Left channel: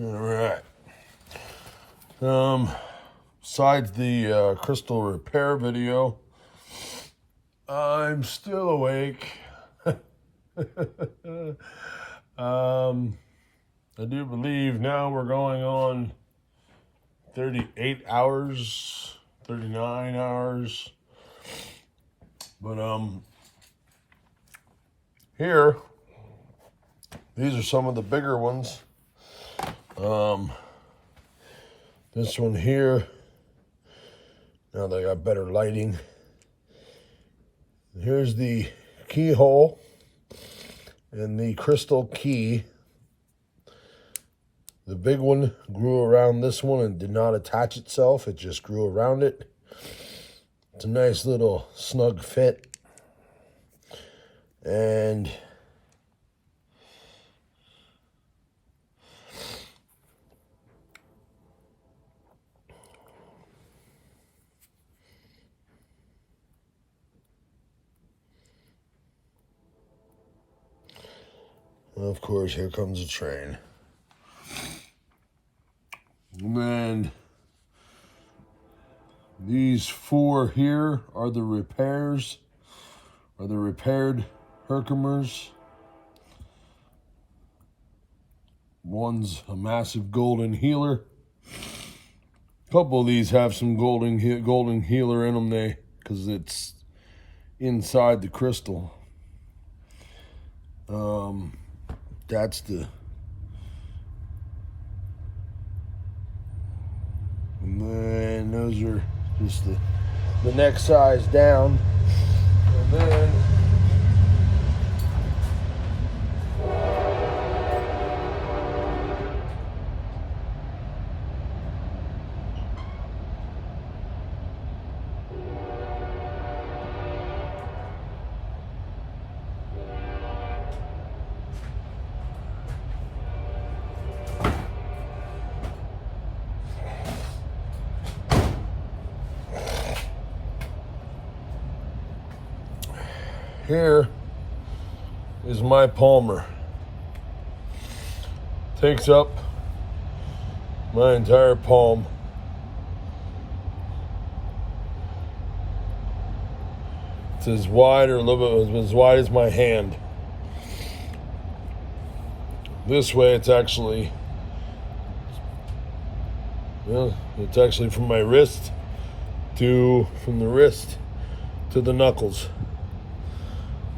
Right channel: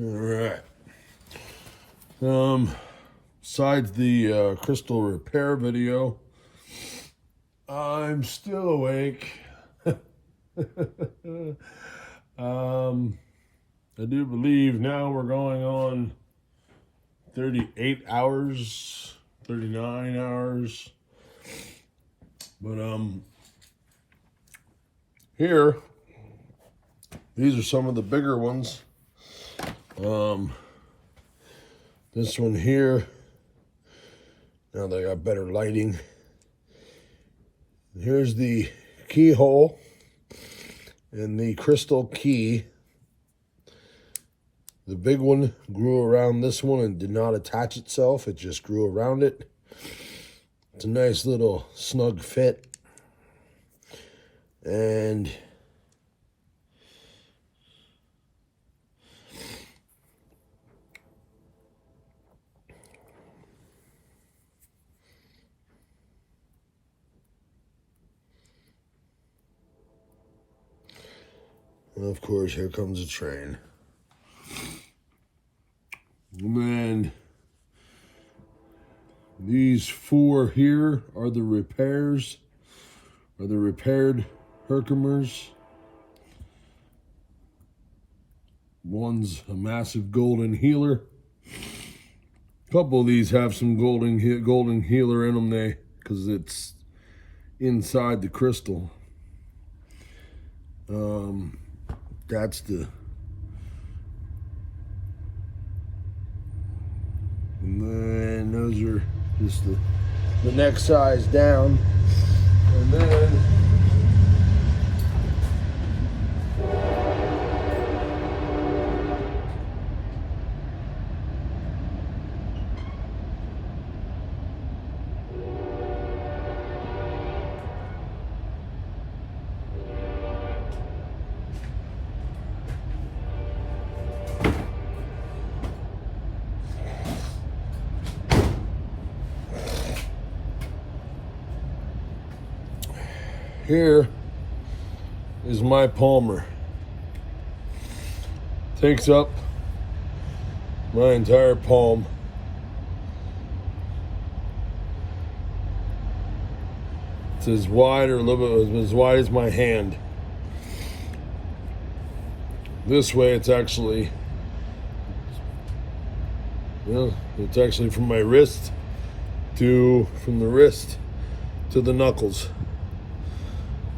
All right. Besides the crystal repair video, I'm still awake. I do believe now we're going on 38 hours, 39 hours. But here, these are some of the bigger ones. This one here, now they got better lighting. Here's the keyhole and the crystal key. The big one grew around this one and did not attach itself. It just grew around it. It's a nice little snug fit. And of course, here comes a train. And then these four here are the repairs, or the repaired herkimers. One's a massive golden healer. A couple of these have some golden healer in them, because it's inside the crystal. That's the, and then those are just the next size down. And then here is my palmer. Takes up my entire palm. It's as wide, or a little bit as wide as my hand. This way it's actually, it's actually from my wrist from the wrist to the knuckles.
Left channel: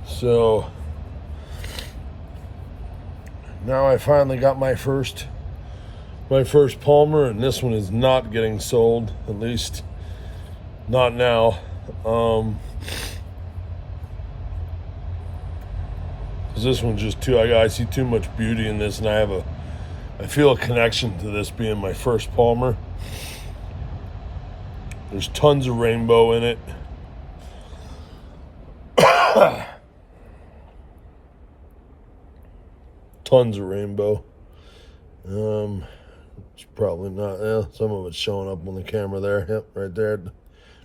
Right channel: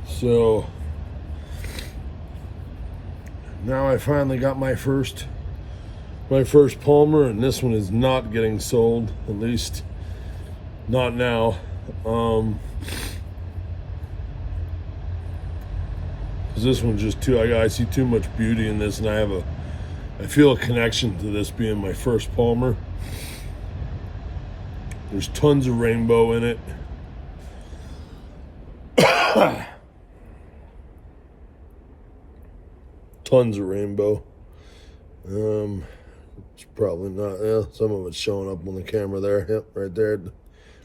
So now I finally got my first palmer, and this one is not getting sold, at least not now. Cause this one's just too, I see too much beauty in this, and I feel a connection to this being my first palmer. There's tons of rainbow in it. Tons of rainbow. It's probably not, some of it's showing up on the camera there. Yep, right there at the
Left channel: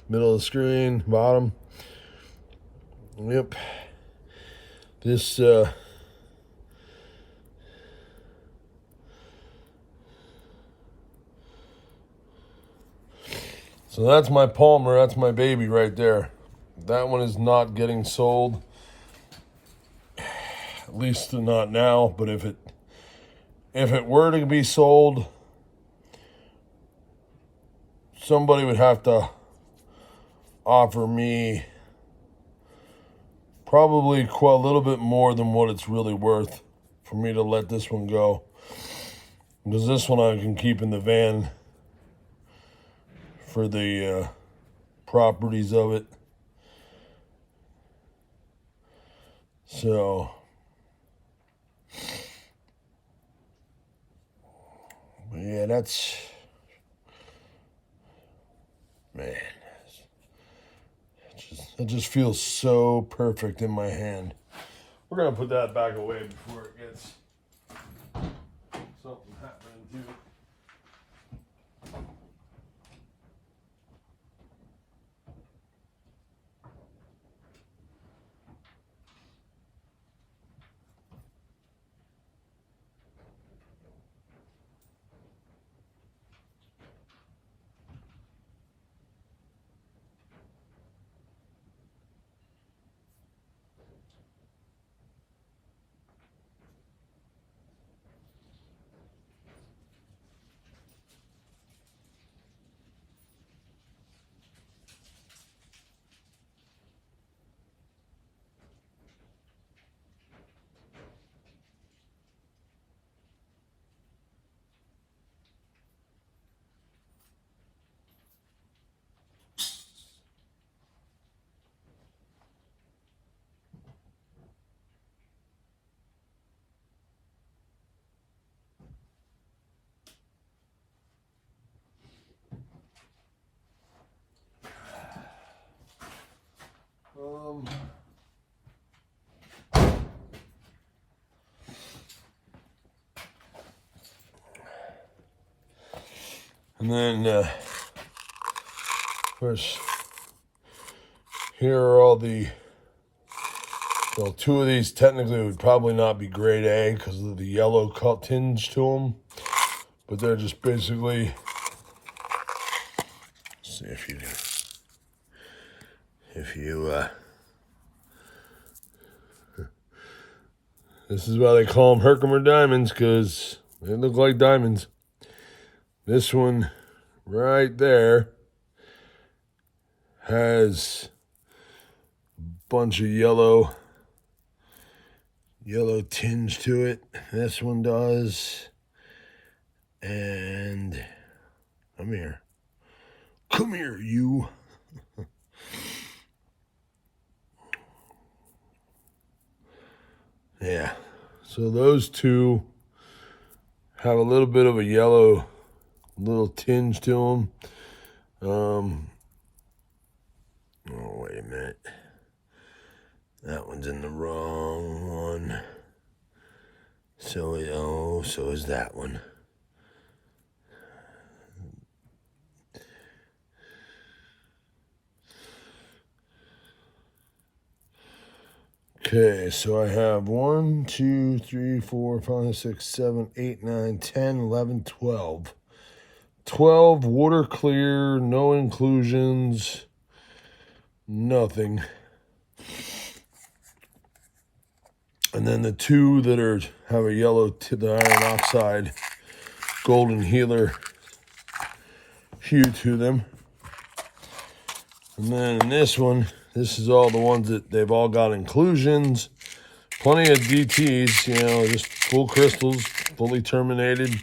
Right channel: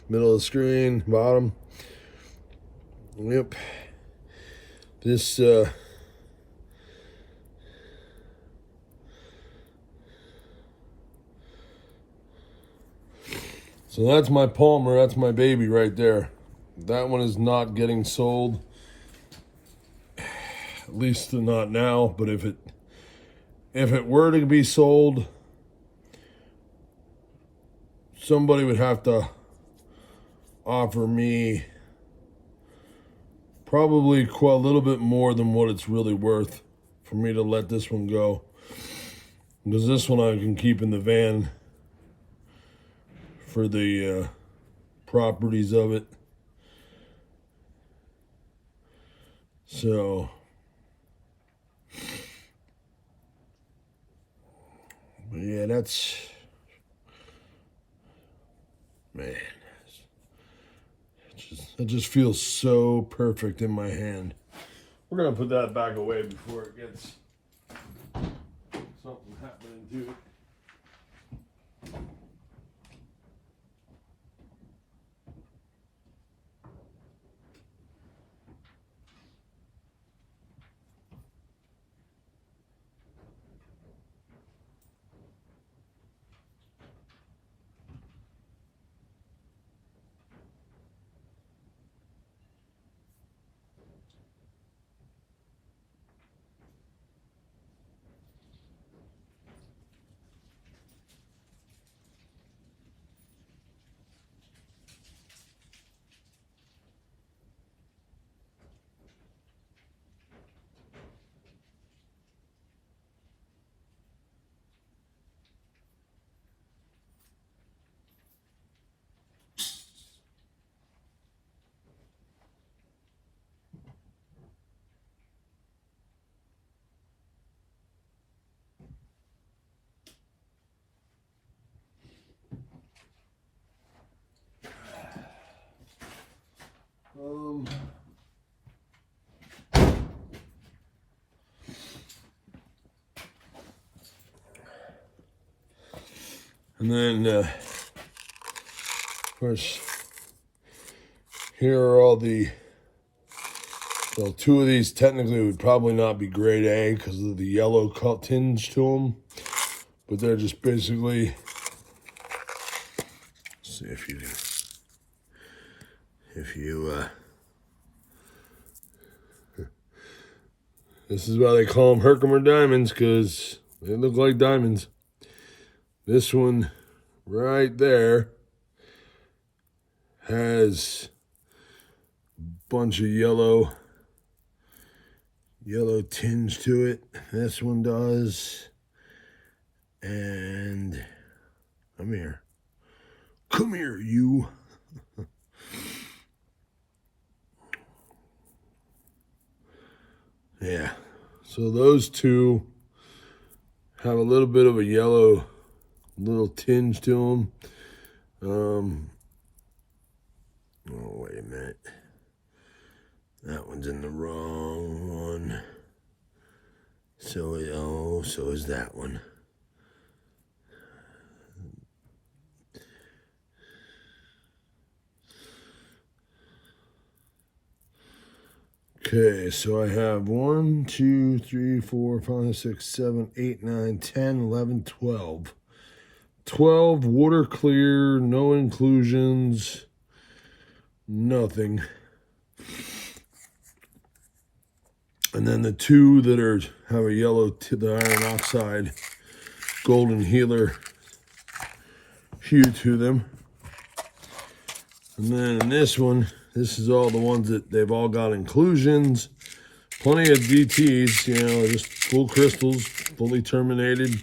middle of the screen, bottom. Yep. This, so that's my palmer, that's my baby right there. That one is not getting sold. At least not now, but if it were to be sold, somebody would have to offer me probably a little bit more than what it's really worth for me to let this one go. Because this one I can keep in the van for the properties of it. So yeah, that's, man, it just feels so perfect in my hand. We're gonna put that back away before it gets something happening to it. And then, of course, here are all the, well, two of these technically would probably not be grade A because of the yellow tinge to them. But they're just basically, let's see if you, this is why they call them herkimer diamonds, because they look like diamonds. This one right there has a bunch of yellow tinge to it. This one does. And come here, you. Yeah, so those two have a little bit of a yellow little tinge to them. Oh, wait a minute. That one's in the wrong one. So is that one. Okay, so I have 1, 2, 3, 4, 5, 6, 7, 8, 9, 10, 11, 12. 12 water clear, no inclusions, nothing. And then the two that have a yellow the iron oxide golden healer hue to them. And then in this one, this is all the ones that they've all got inclusions. Plenty of DTs, you know, just full crystals, fully terminated.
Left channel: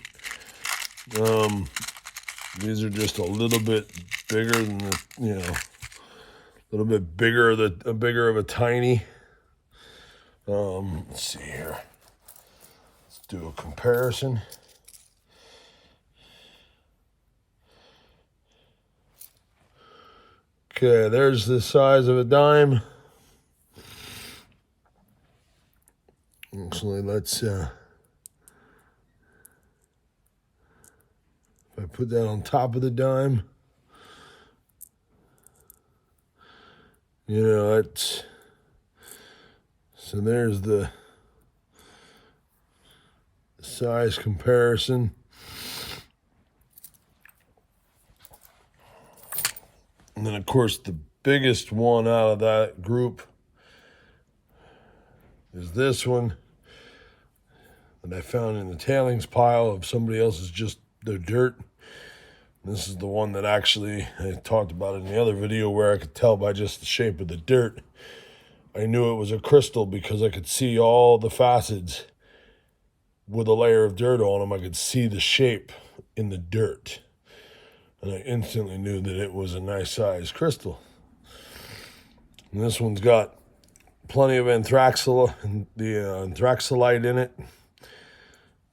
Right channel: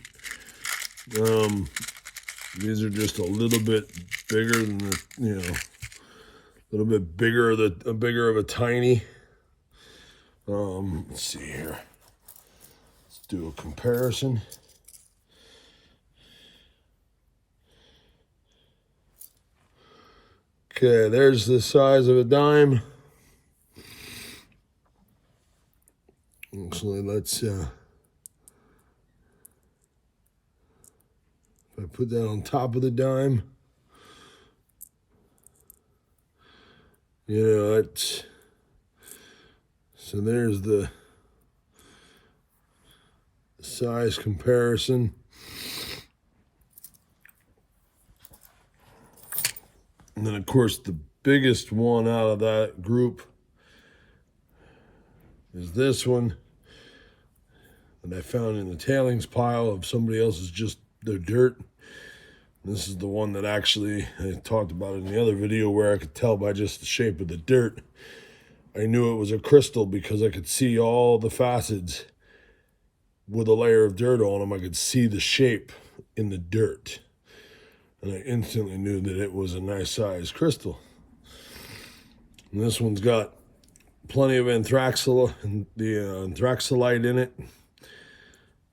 These are just a little bit bigger than the, you know, a little bit bigger of a tiny. Let's see here. Let's do a comparison. Okay, there's the size of a dime. Actually, let's if I put that on top of the dime, you know, that's, so there's the size comparison. And then, of course, the biggest one out of that group is this one that I found in the tailings pile of somebody else's, just their dirt. This is the one that actually I talked about in the other video, where I could tell by just the shape of the dirt. I knew it was a crystal because I could see all the facets with a layer of dirt on them. I could see the shape in the dirt. And I instantly knew that it was a nice size crystal. And this one's got plenty of anthraxolite in it.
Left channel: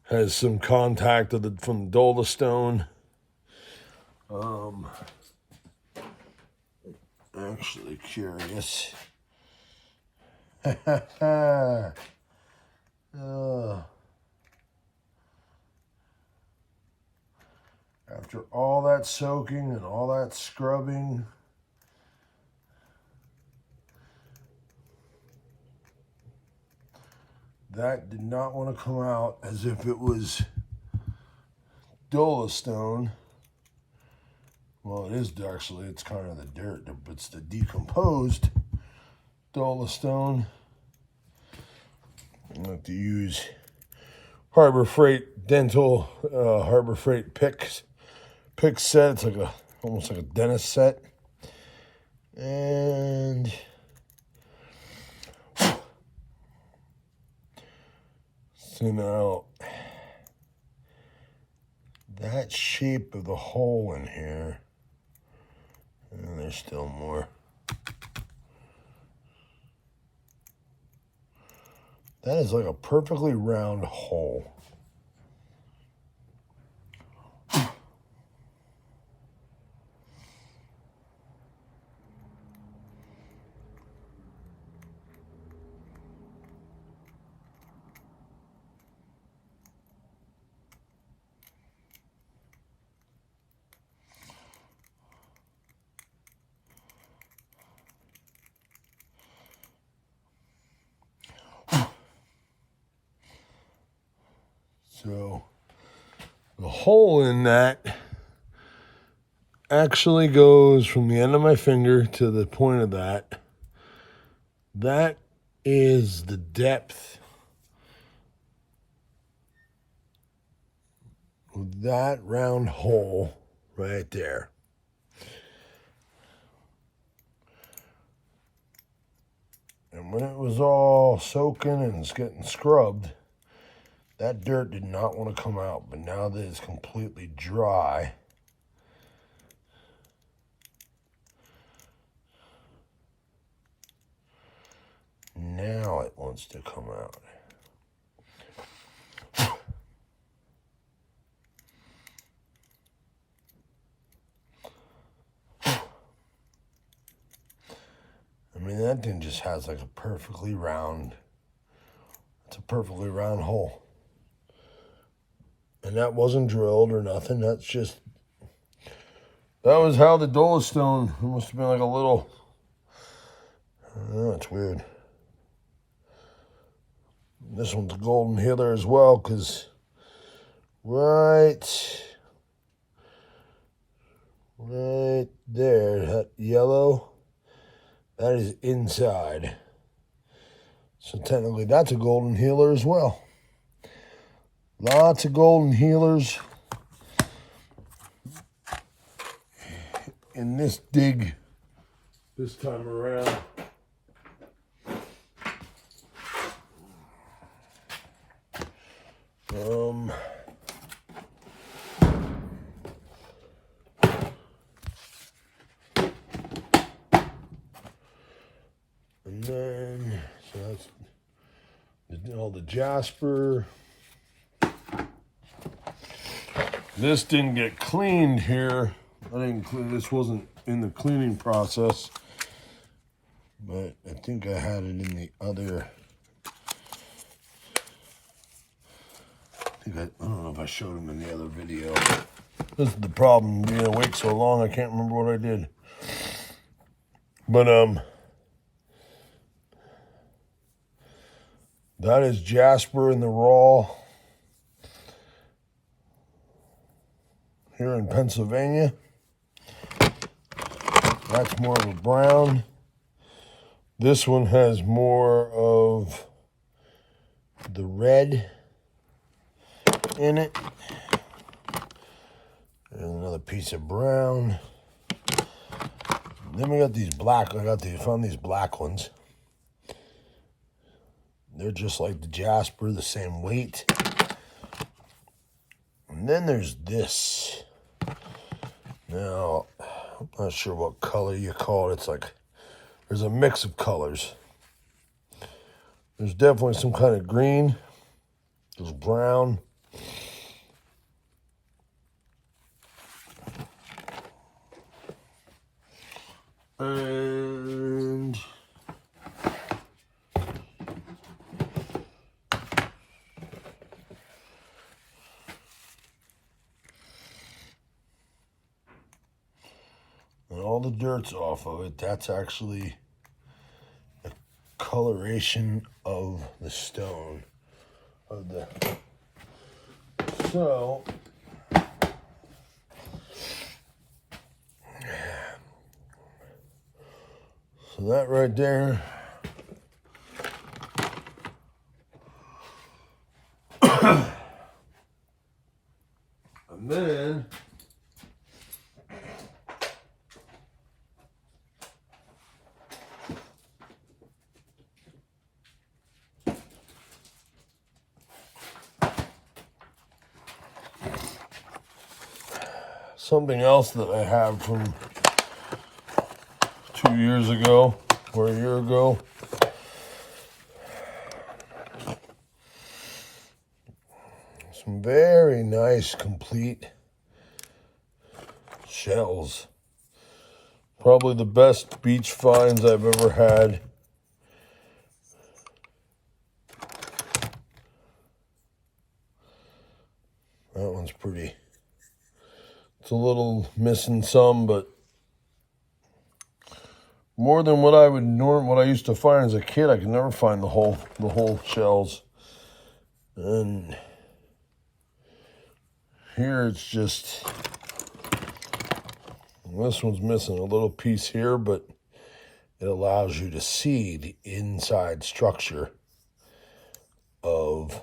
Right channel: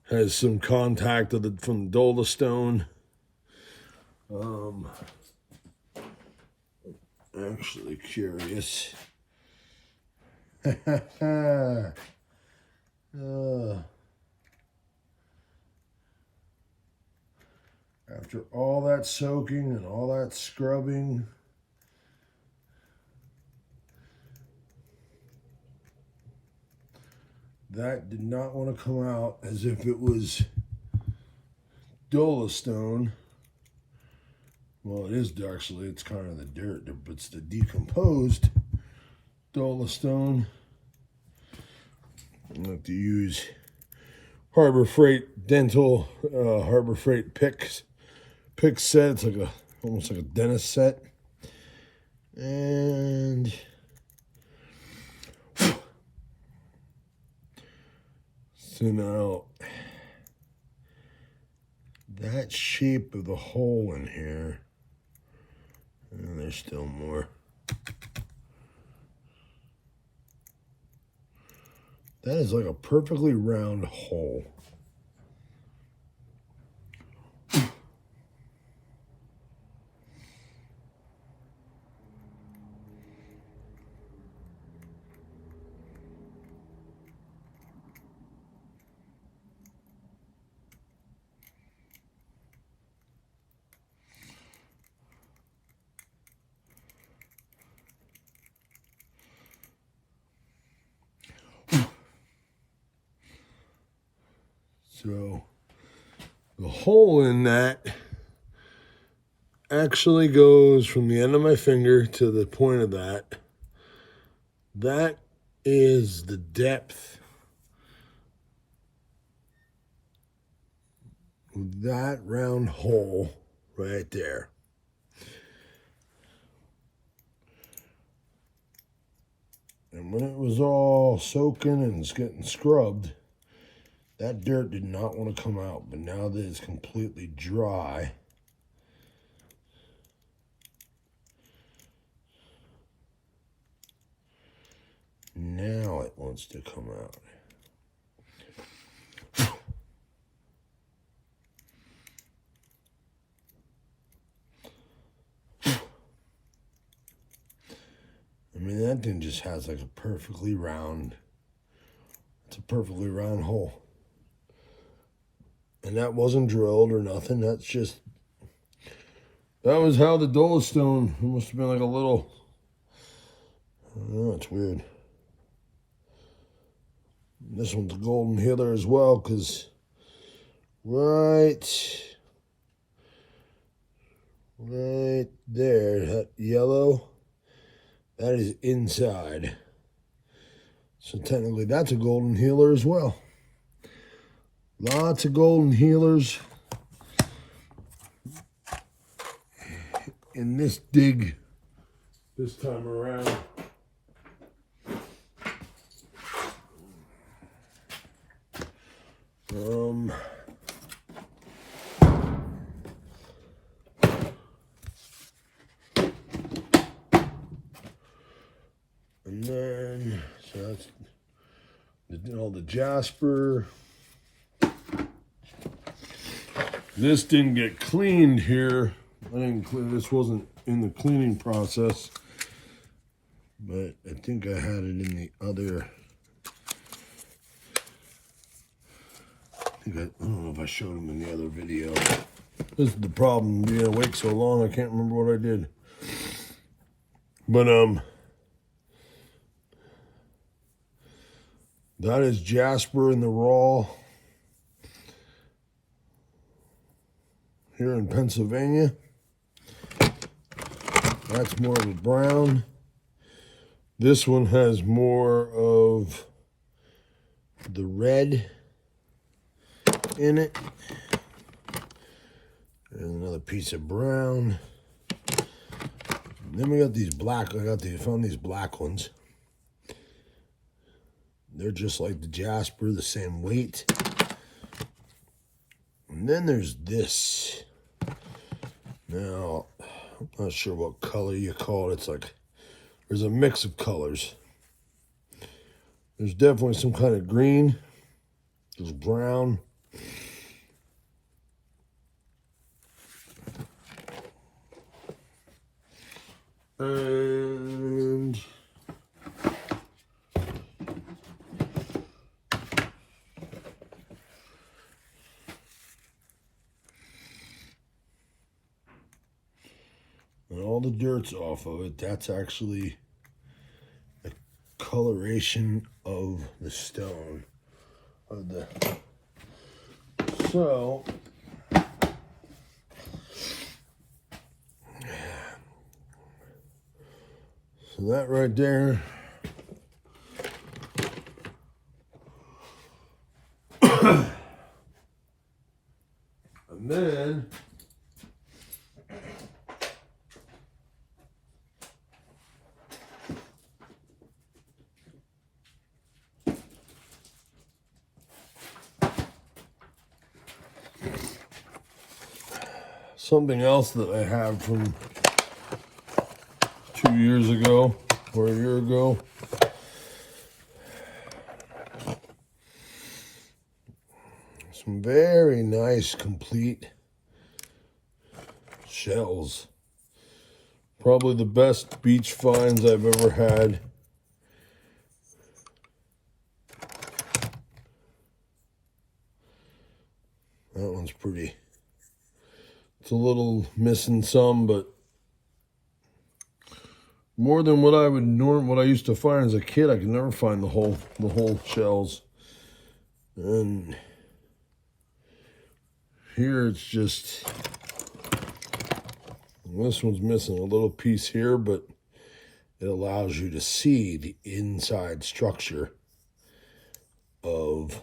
Has some contact from the dolostone. Actually curious. Oh. After all that soaking and all that scrubbing, that did not want to come out as if it was dolostone. Well, it is actually, it's kind of the dirt, but it's the decomposed dolostone. I have to use Harbor Freight dental, Harbor Freight pick set. It's like almost like a dentist set. And so now that shape of the hole in here, and there's still more. That is like a perfectly round hole. So the hole in that actually goes from the end of my finger to the point of that. That is the depth of that round hole right there. And when it was all soaking and it's getting scrubbed, that dirt did not want to come out. But now that it's completely dry, now it wants to come out. I mean, that thing just has like a perfectly round, it's a perfectly round hole. And that wasn't drilled or nothing. That's just, that was how the dolostone, it must have been like a little, I don't know, it's weird. This one's a golden healer as well, because right there, that yellow, that is inside. So technically that's a golden healer as well. Lots of golden healers in this dig this time around. And then, so that's all the jasper. This didn't get cleaned here. I didn't, this wasn't in the cleaning process, but I think I had it in the other. I don't know if I showed him in the other video. This is the problem, being awake so long, I can't remember what I did. But, that is jasper in the raw here in Pennsylvania. That's more of a brown. This one has more of the red in it. And another piece of brown. Then we got these black, found these black ones. They're just like the jasper, the same weight. And then there's this. Now, I'm not sure what color you call it. It's like, there's a mix of colors. There's definitely some kind of green. There's brown. And all the dirt's off of it. That's actually the coloration of the stone. So that right there, and then something else that I have from 2 years ago or a year ago. Some very nice, complete shells. Probably the best beach finds I've ever had. That one's pretty. It's a little missing some, but more than what I would what I used to find as a kid. I could never find the whole shells. And Here it's just, this one's missing a little piece here, but it allows you to see the inside structure of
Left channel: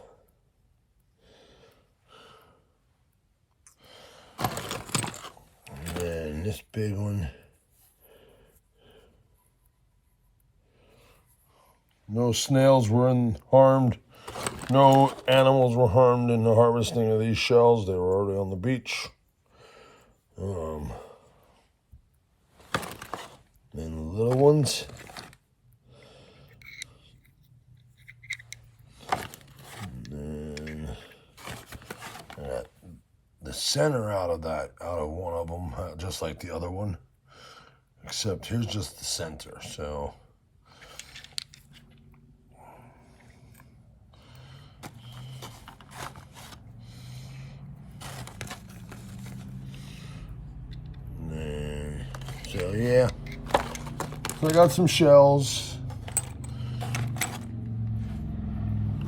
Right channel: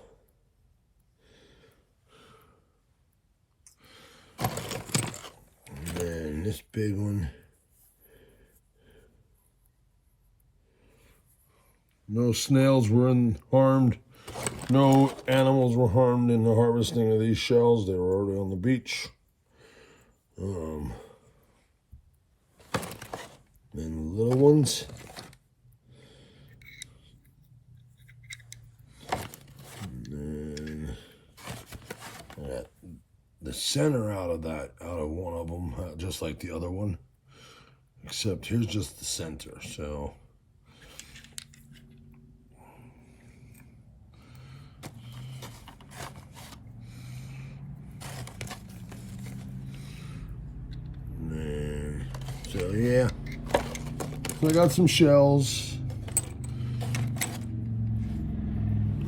and this big one. No snails were harmed. No animals were harmed in the harvesting of these shells. They were already on the beach. Then the little ones. And then the center out of one of them, just like the other one, except here's just the center. So yeah, so I got some shells.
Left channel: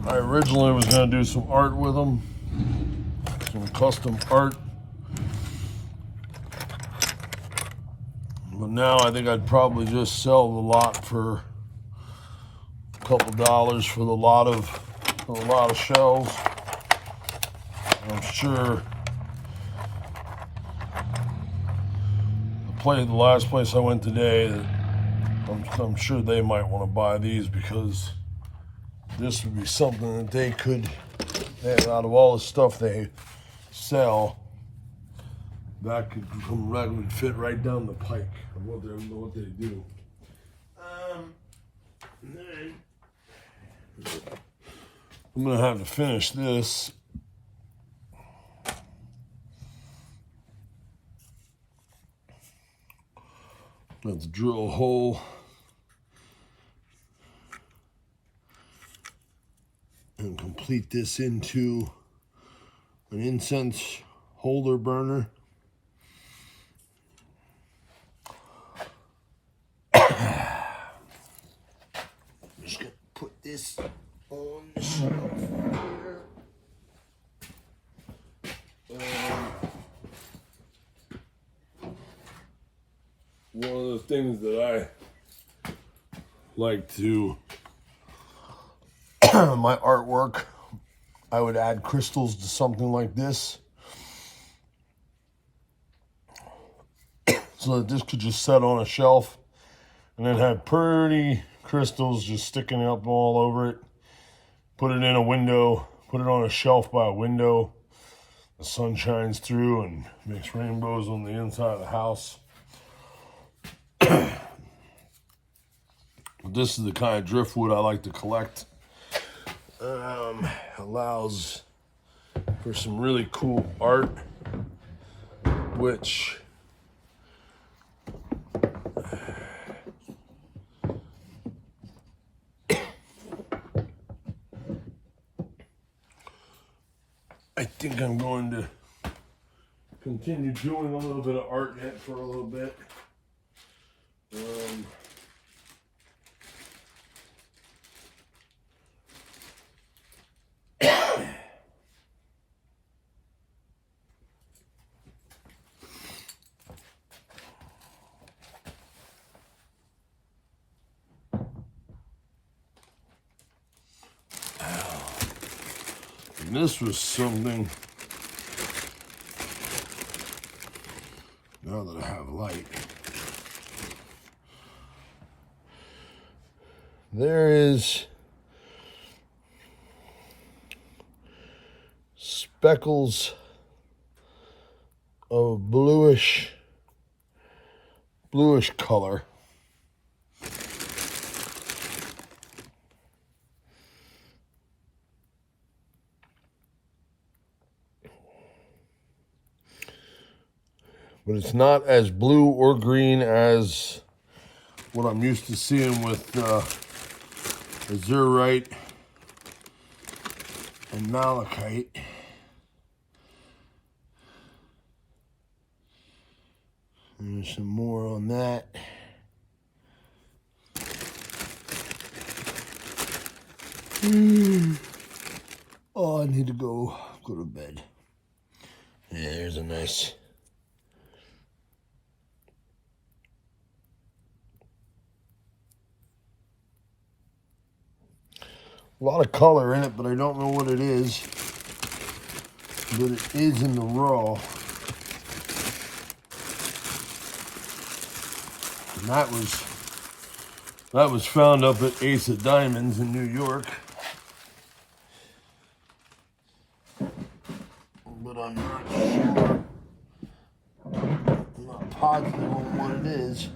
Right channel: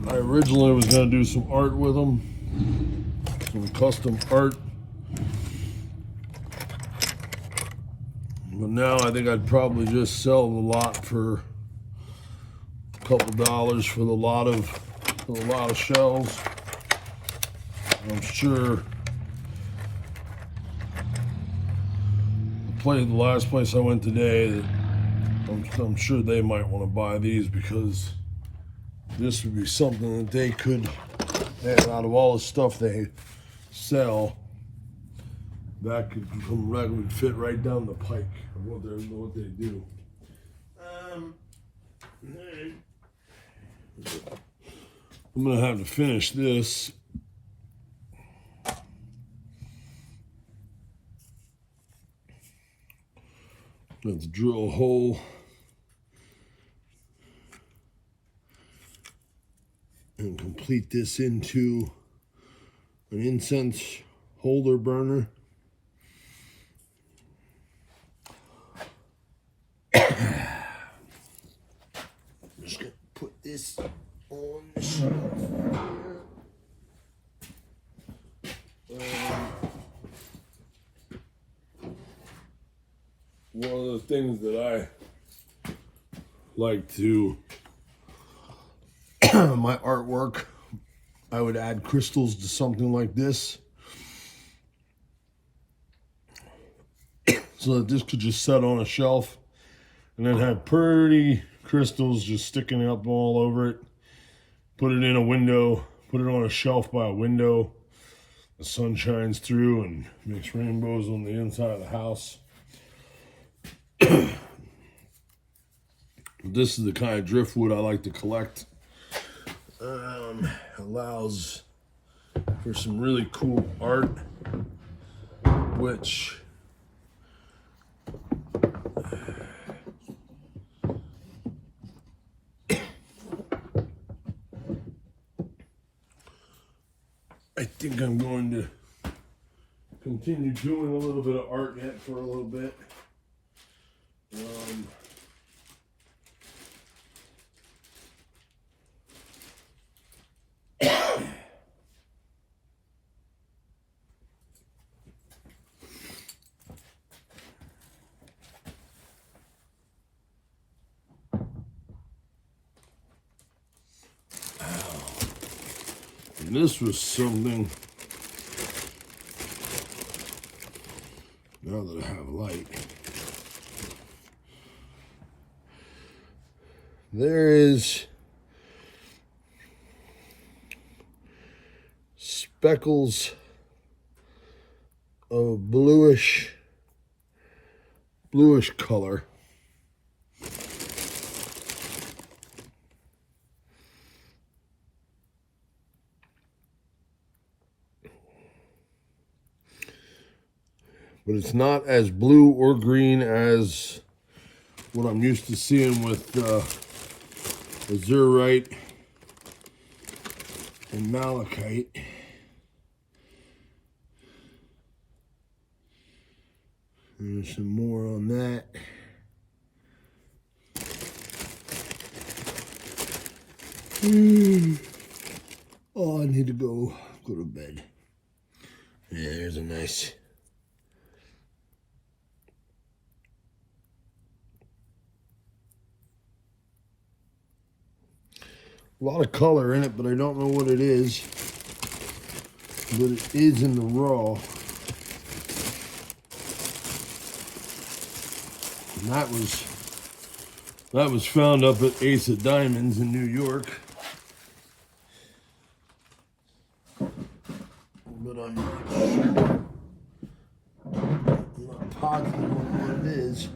I originally was going to do some art with them, some custom art. But now I think I'd probably just sell the lot for a couple dollars for the lot of shells. I'm sure the last place I went today, I'm sure they might want to buy these, because this would be something that they could, out of all the stuff they sell, that would fit right down the pike of what they do. I'm gonna have to finish this. Let's drill a hole and complete this into an incense holder burner. I'm just gonna put this on the shelf here. One of the things that I like to, my artwork, I would add crystals to something like this, so that this could just set on a shelf and then have pretty crystals just sticking up all over it. Put it in a window, put it on a shelf by a window. The sun shines through and makes rainbows on the inside of the house. This is the kind of driftwood I like to collect. Allows for some really cool art, which I think I'm going to continue doing a little bit of art yet for a little bit. And this was something, now that I have light, there is speckles of bluish color. But it's not as blue or green as what I'm used to seeing with azurite and malachite. There's some more on that. Oh, I need to go to bed. Yeah, there's a nice. A lot of color in it, but I don't know what it is. But it is in the raw. And that was found up at Ace of Diamonds in New York. But I'm not sure. I'm not positive on what it is.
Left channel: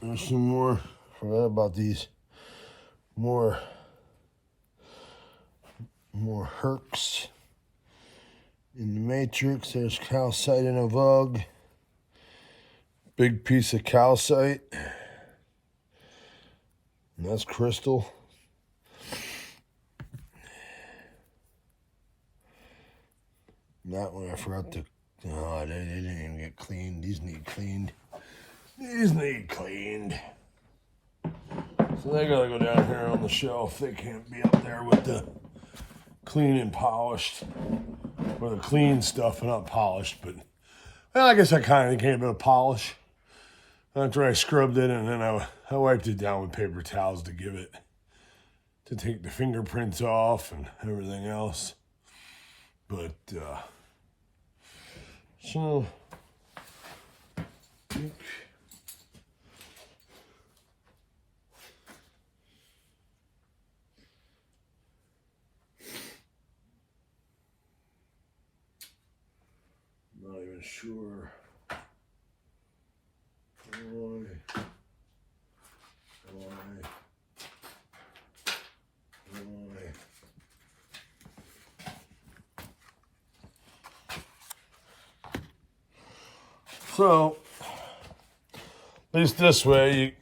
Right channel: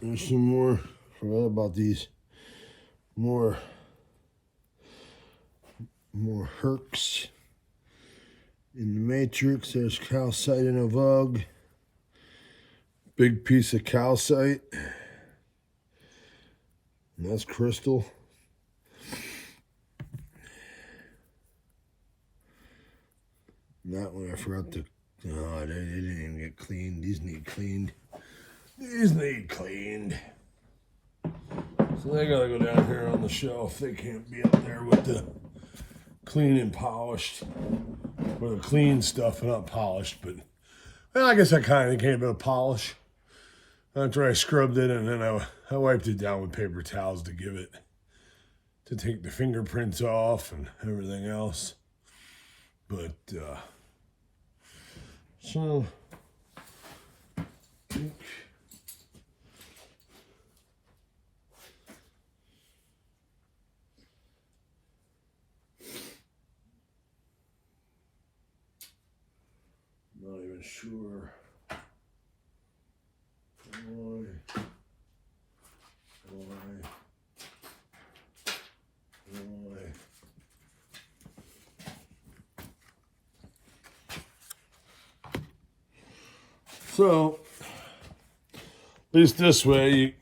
There's some more. I forgot about these. More herks in the matrix. There's calcite in a vug. Big piece of calcite. And that's crystal. And that one I forgot to. Oh, they didn't even get cleaned. These need cleaned. These need cleaned. So they gotta go down here on the shelf. They can't be up there with the clean and polished. Or the clean stuff and not polished, but well, I guess I kind of gave it a polish. After I scrubbed it and then I wiped it down with paper towels to take the fingerprints off and everything else. But, so, not even sure why. So, at least this way,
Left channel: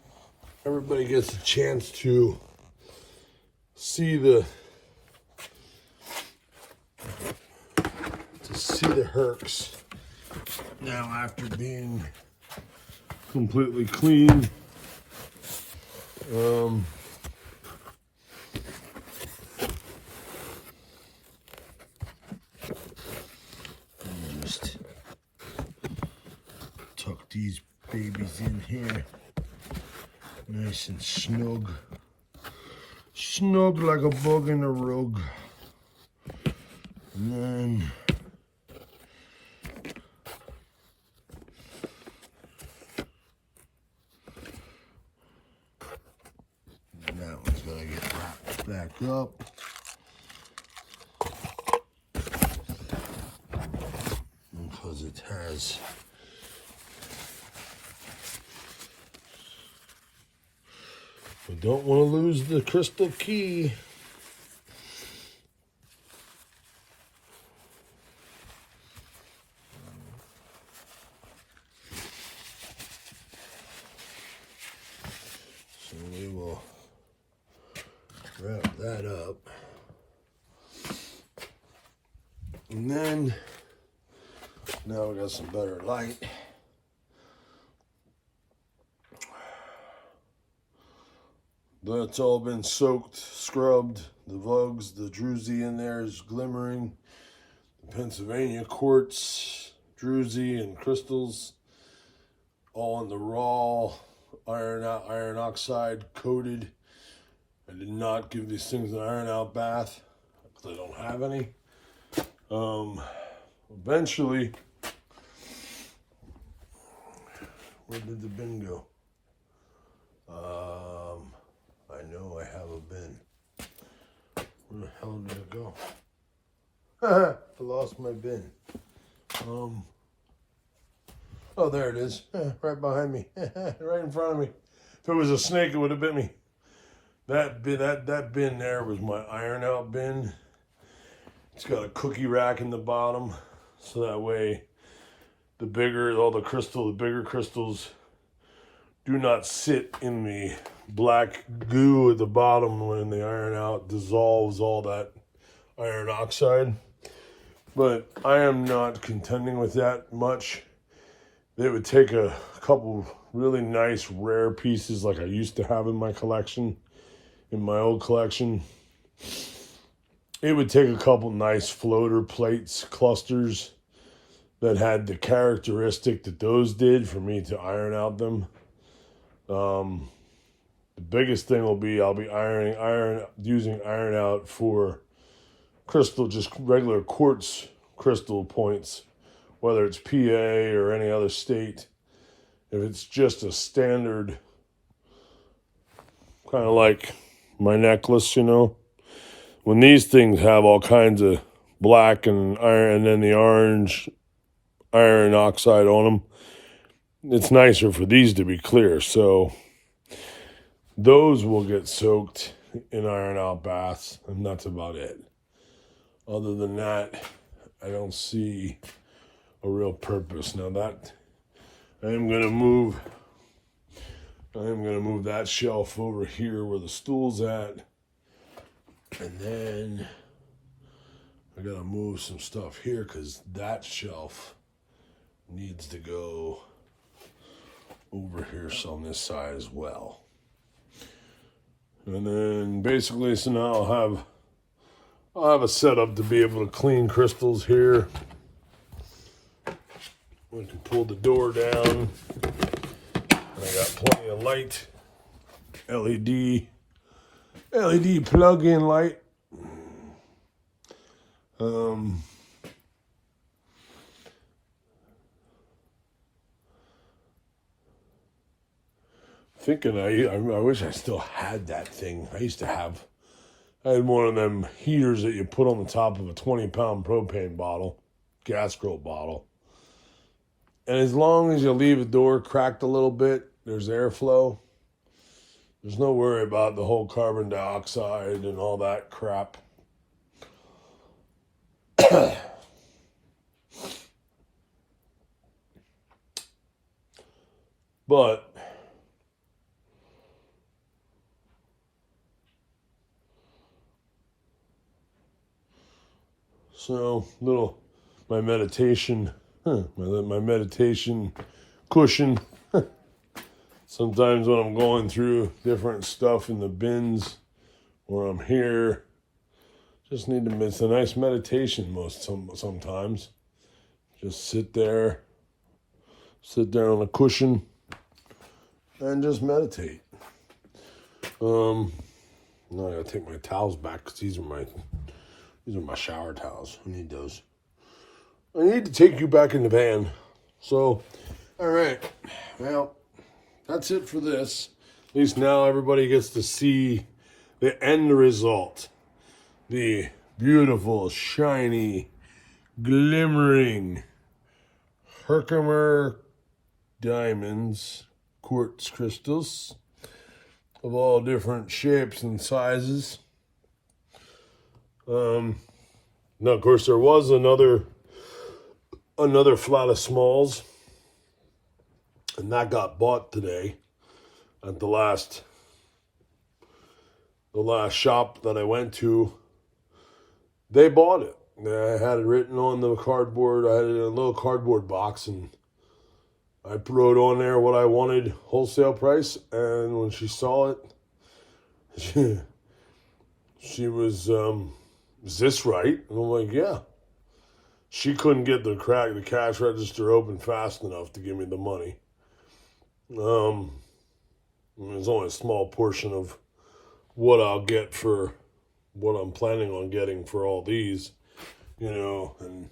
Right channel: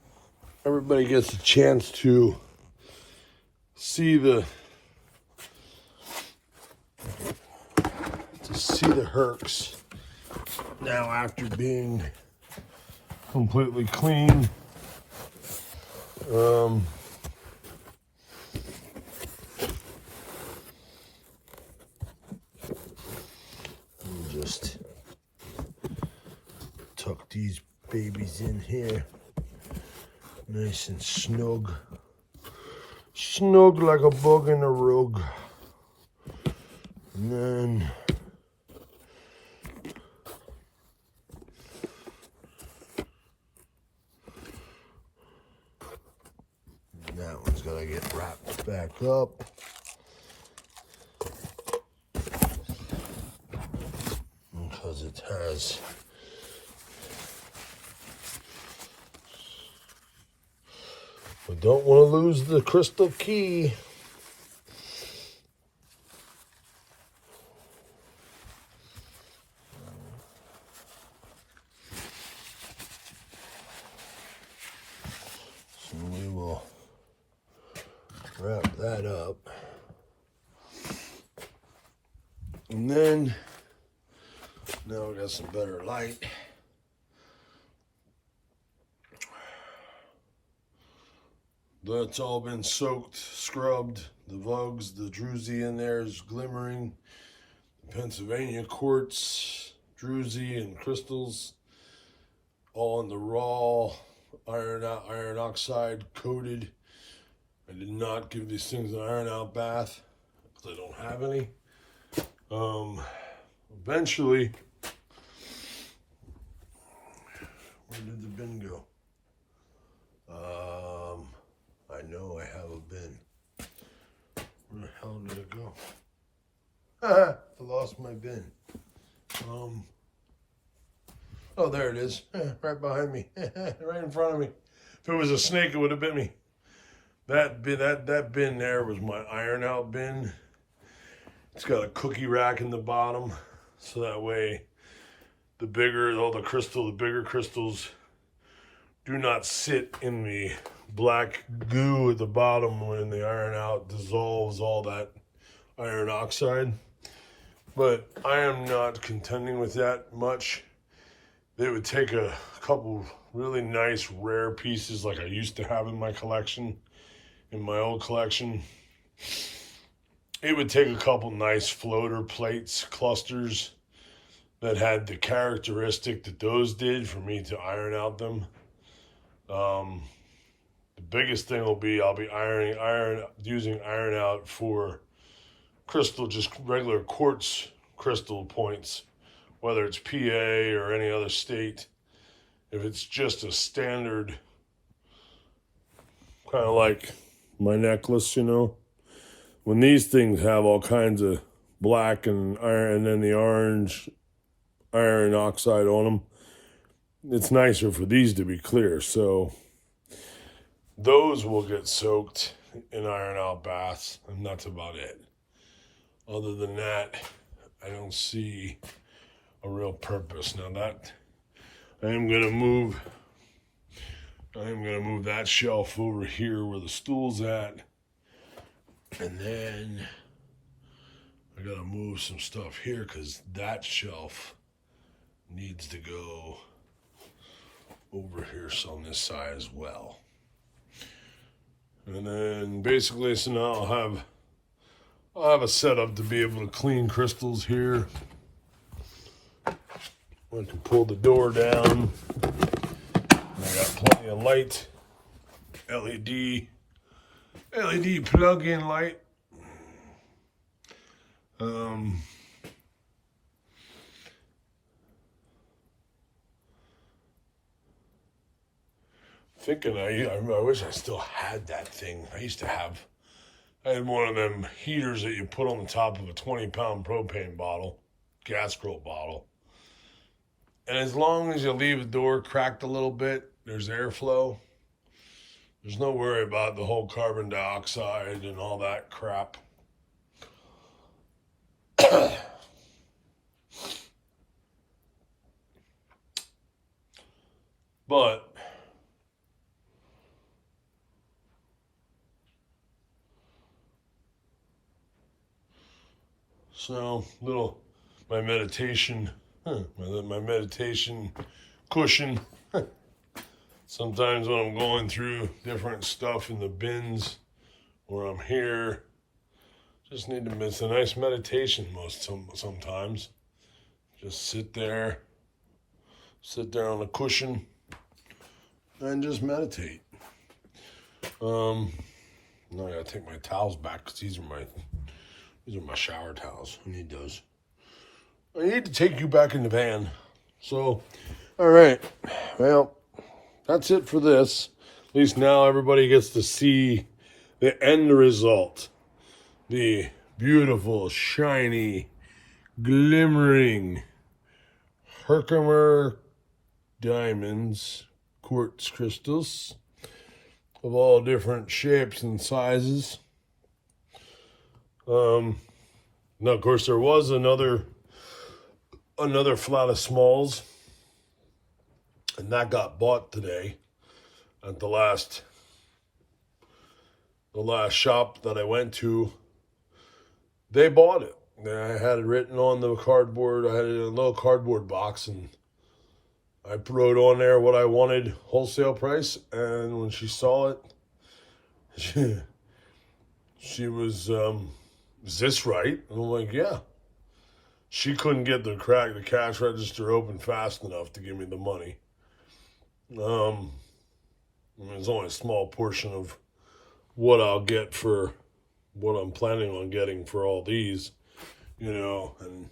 everybody gets a chance to see the herks now after being completely clean. Just tuck these babies in here, nice and snug. Snug like a bug in a rug. And then that one's gonna get wrapped back up. Because it has we don't want to lose the crystal key. So we will wrap that up. And then, now we got some better light. That's all been soaked, scrubbed. The vugs, the druzy in there is glimmering. Pennsylvania quartz, druzy, and crystals, all in the raw iron oxide coated. I did not give these things an iron out bath because I don't have any. Eventually, where did the bin go? I know I have a bin. Where the hell did it go? I lost my bin. Oh, there it is. Right behind me. Right in front of me. If it was a snake, it would have bit me. That bin there was my iron out bin. It's got a cookie rack in the bottom, so that way the bigger crystals do not sit in the black goo at the bottom when the iron out dissolves all that iron oxide. But I am not contending with that much. They would take a couple really nice rare pieces like I used to have in my collection, in my old collection. It would take a couple nice floater plates, clusters that had the characteristic that those did for me to iron out them. The biggest thing will be I'll be using iron out for crystal, just regular quartz crystal points, whether it's PA or any other state. If it's just a standard, kind of like my necklace, when these things have all kinds of black and iron and then the orange iron oxide on them, it's nicer for these to be clear. So those will get soaked in iron out baths, and that's about it. Other than that, I don't see a real purpose. Now that I am gonna move that shelf over here where the stool's at, and then I gotta move some stuff here because that shelf needs to go over here, so on this side as well. And then basically, so now I'll have a setup to be able to clean crystals here. I can pull the door down. I got plenty of light, LED plug-in light. Thinking I wish I still had that thing. I had one of them heaters that you put on the top of a 20-pound propane bottle, gas grill bottle. And as long as you leave the door cracked a little bit, there's airflow. There's no worry about the whole carbon dioxide and all that crap. But so my meditation cushion. Sometimes when I'm going through different stuff in the bins or I'm here, just need to miss a nice meditation sometimes. Just sit there on a cushion and just meditate. Now I gotta take my towels back because these are my shower towels. I need those. I need to take you back in the van. So, all right. Well, that's it for this. At least now everybody gets to see the end result. The beautiful, shiny, glimmering Herkimer diamonds, quartz crystals of all different shapes and sizes. Now, of course, there was another flat of smalls, and that got bought today at the last shop that I went to. They bought it. I had it written on the cardboard. I had it in a little cardboard box, and I wrote on there what I wanted, wholesale price. And when she saw it, she was, is this right? And I'm like, yeah. She couldn't get the cash register open fast enough to give me the money. There's only a small portion of what I'll get for what I'm planning on getting for all these, and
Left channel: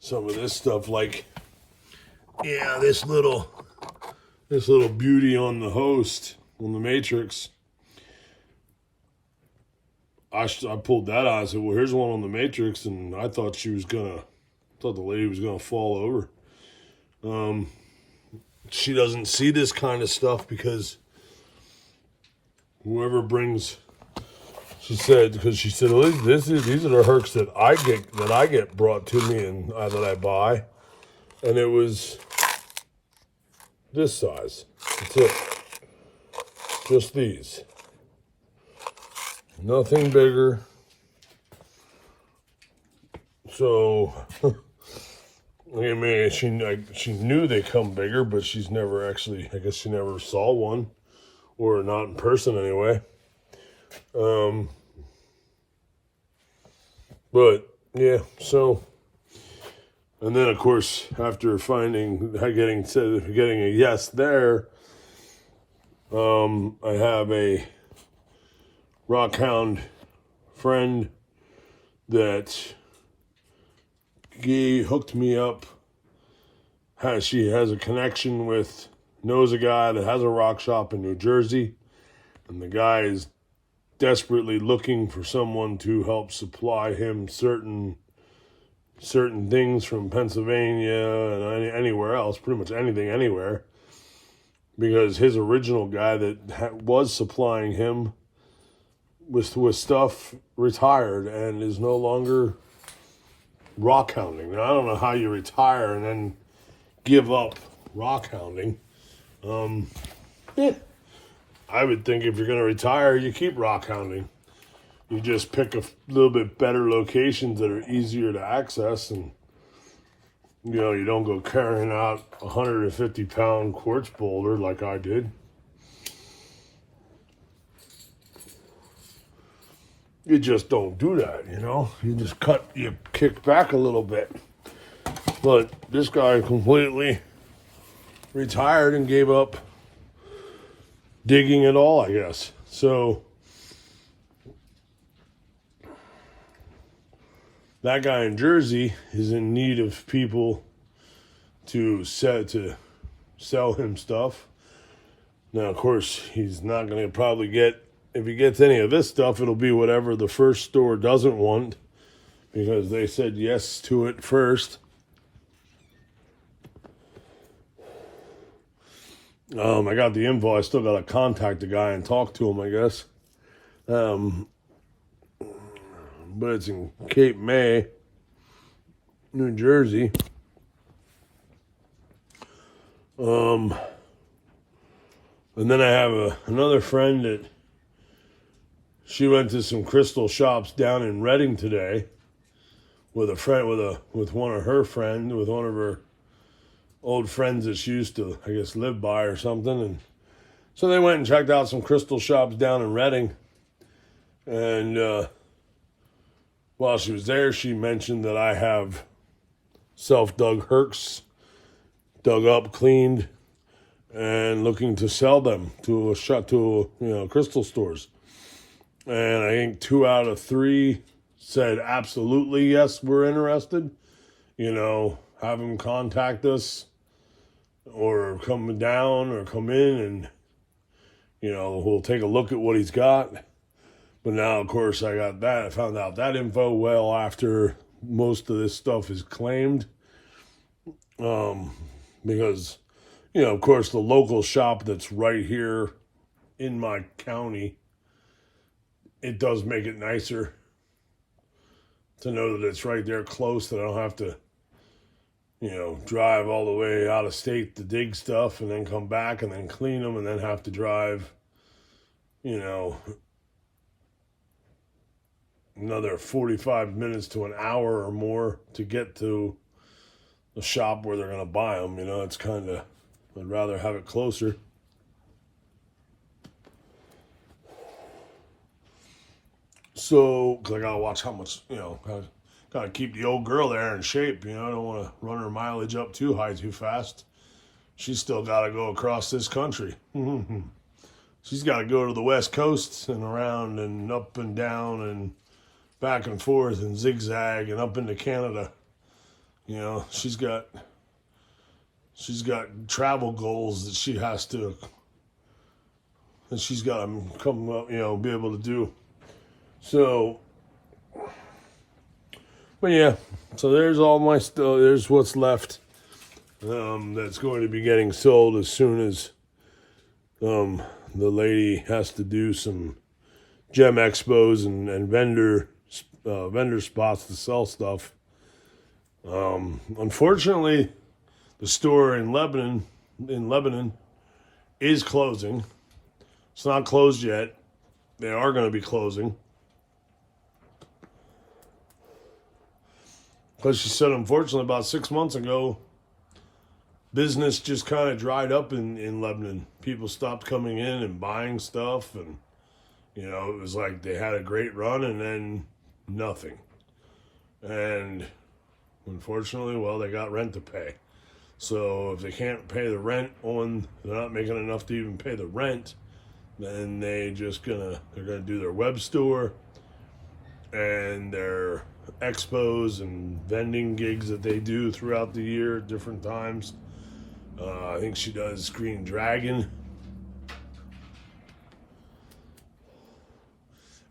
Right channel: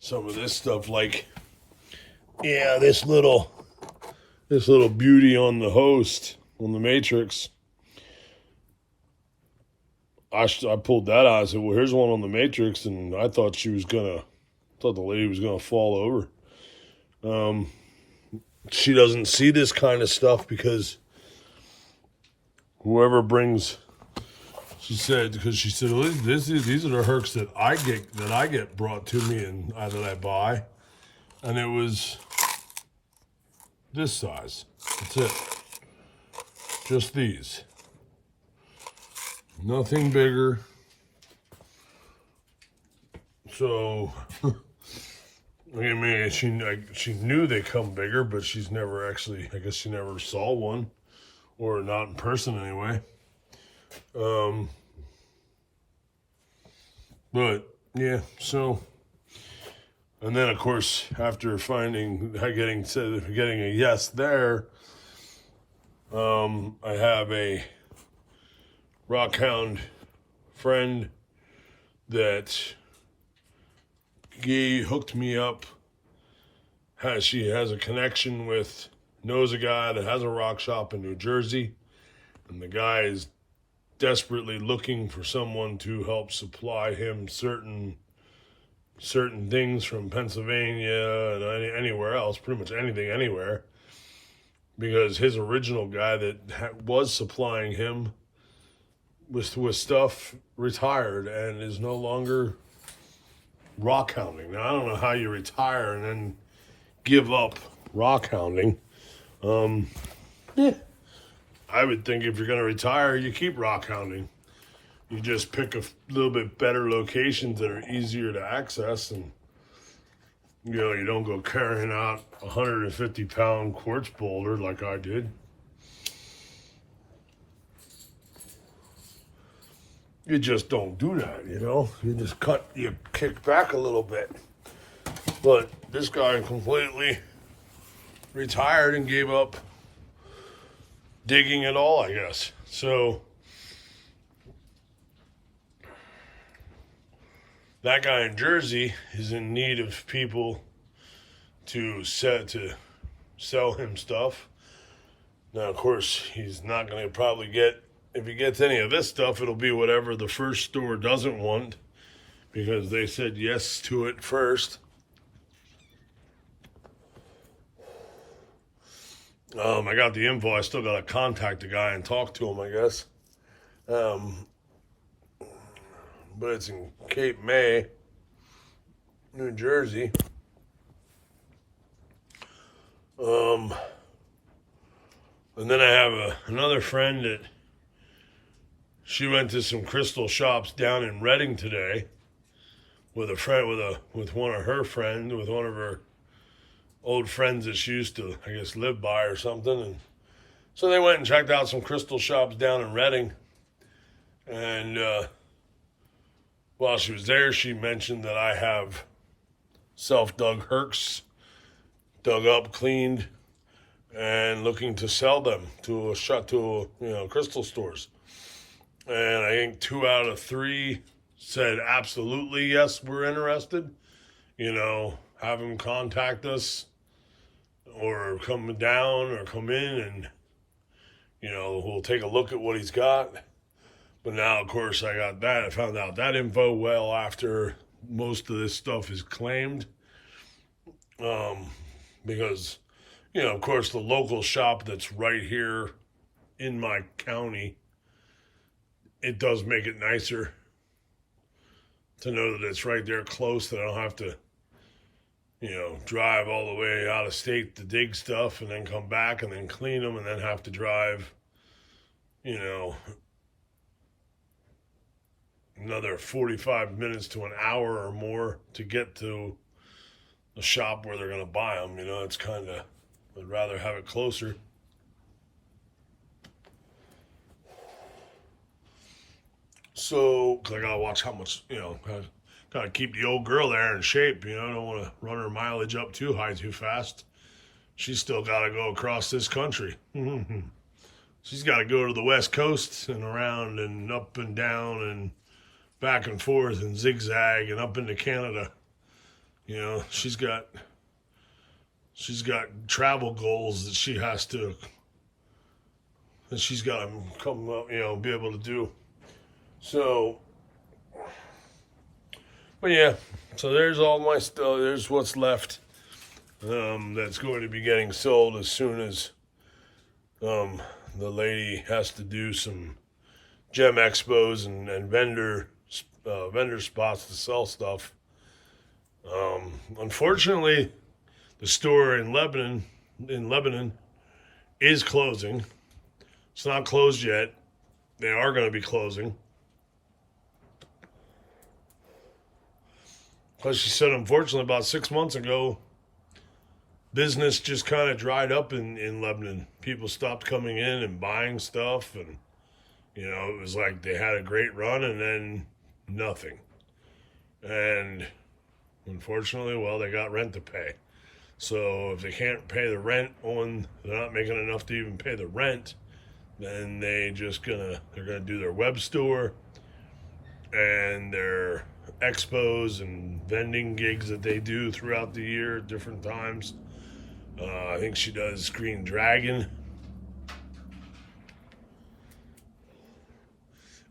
some of this stuff, like, yeah, this little beauty on the host, on the matrix. I pulled that out. I said, well, here's one on the matrix, and I thought the lady was gonna fall over. She doesn't see this kind of stuff because whoever brings, she said, well, these are the hercs that I get brought to me and that I buy, and it was this size. That's it. Just these. Nothing bigger. So I mean, she knew they come bigger, but she's never actually, I guess she never saw one, or not in person anyway. But yeah, so, and then of course after getting a yes there, I have a rockhound friend that he hooked me up. She has a connection with, knows a guy that has a rock shop in New Jersey, and the guy is desperately looking for someone to help supply him certain things from Pennsylvania and anywhere else, pretty much anything, anywhere, because his original guy that was supplying him with stuff retired and is no longer rock hounding. Now, I don't know how you retire and then give up rock hounding. Yeah. I would think if you're going to retire, you keep rock hounding. You just pick a little bit better locations that are easier to access, and you don't go carrying out a 150-pound quartz boulder like I did. You just don't do that, you kick back a little bit. But this guy completely retired and gave up digging at all, I guess. So that guy in Jersey is in need of people to sell him stuff. Now, of course, he's not going to probably get, if he gets any of this stuff, it'll be whatever the first store doesn't want, because they said yes to it first. I got the info. I still got to contact the guy and talk to him, I guess. But it's in Cape May, New Jersey. And then I have another friend that she went to some crystal shops down in Reading today with one of her old friends that she used to, I guess, live by or something. And so they went and checked out some crystal shops down in Reading. And while she was there, she mentioned that I have self-dug herks, dug up, cleaned, and looking to sell them to crystal stores. And I think 2 out of 3 said absolutely yes, we're interested. Have them contact us, or come down or come in, and we'll take a look at what he's got. But now, of course, I found out that info well after most of this stuff is claimed. Because, of course, the local shop that's right here in my county, it does make it nicer to know that it's right there close, that I don't have to, drive all the way out of state to dig stuff and then come back and then clean them and then have to drive, another 45 minutes to an hour or more to get to the shop where they're going to buy them. It's kind of, I'd rather have it closer. So, because I got to watch how much, got to keep the old girl there in shape. I don't want to run her mileage up too high too fast. She's still got to go across this country. She's got to go to the West Coast and around and up and down and back and forth and zigzag and up into Canada. She's got travel goals that she's got to come up, be able to do. So, but yeah, so there's all my stuff. There's what's left that's going to be getting sold as soon as the lady has to do some gem expos and vendor spots to sell stuff. Unfortunately, the store in Lebanon is closing. It's not closed yet. They are going to be closing. Because she said, unfortunately, about 6 months ago, business just kind of dried up in Lebanon. People stopped coming in and buying stuff, and it was like they had a great run and then nothing. And unfortunately, well, they got rent to pay. So if they can't pay the rent they're not making enough to even pay the rent, then they're gonna do their web store and their expos and vending gigs that they do throughout the year at different times. I think she does Green Dragon.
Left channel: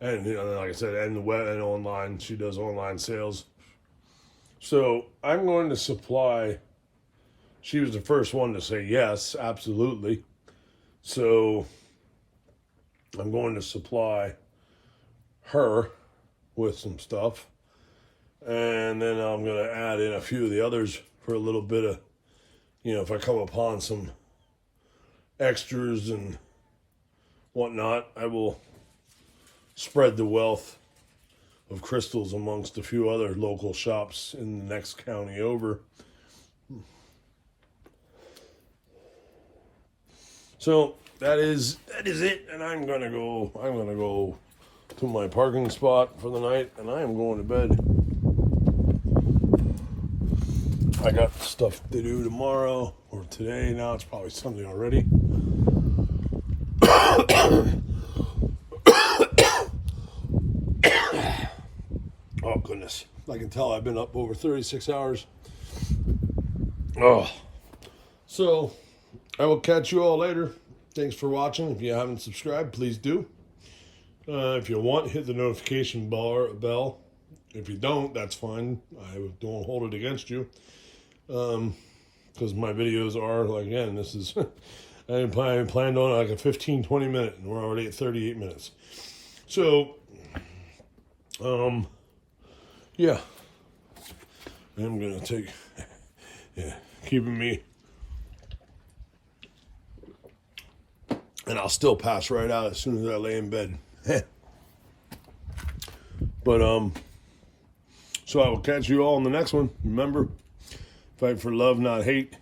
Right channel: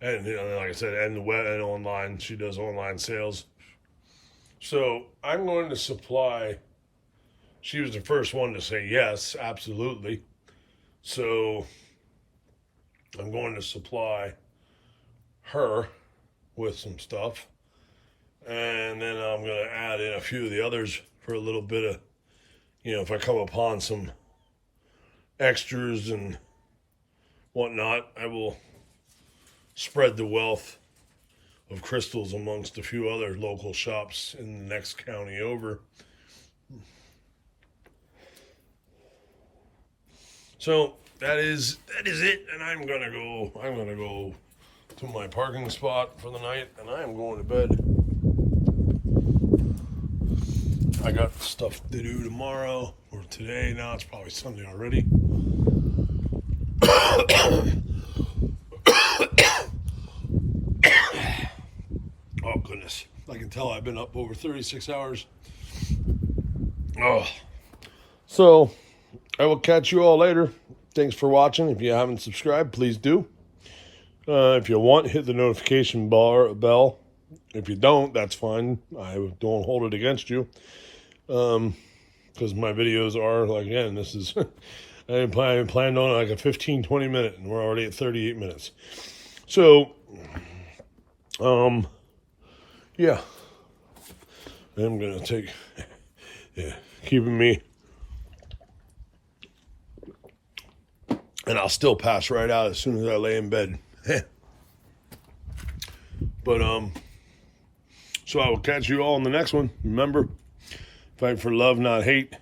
And like I said, and the web and online, she does online sales. So I'm going to supply. She was the first one to say yes, absolutely. So I'm going to supply her with some stuff, and then I'm going to add in a few of the others for a little bit of, if I come upon some extras and whatnot, I will spread the wealth of crystals amongst a few other local shops in the next county over. So that is it, and I'm gonna go to my parking spot for the night, and I'm going to bed. I got stuff to do tomorrow or today. Now it's probably Sunday already. Oh goodness, I can tell I've been up over 36 hours. Oh, so I will catch you all later. Thanks for watching. If you haven't subscribed, please do. If you want, hit the notification bell. If you don't, that's fine. I don't hold it against you. Because my videos are, like, again, this is, I planned on like a 15-20 minute, and we're already at 38 minutes. So, yeah. I'm going to take, keeping me. And I'll still pass right out as soon as I lay in bed. But, so I will catch you all in the next one. Remember, fight for love, not hate.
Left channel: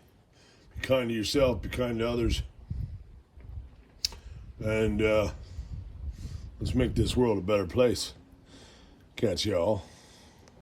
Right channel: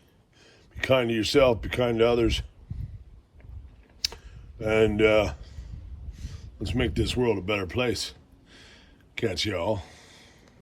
Be kind to yourself, be kind to others. And let's make this world a better place. Catch y'all.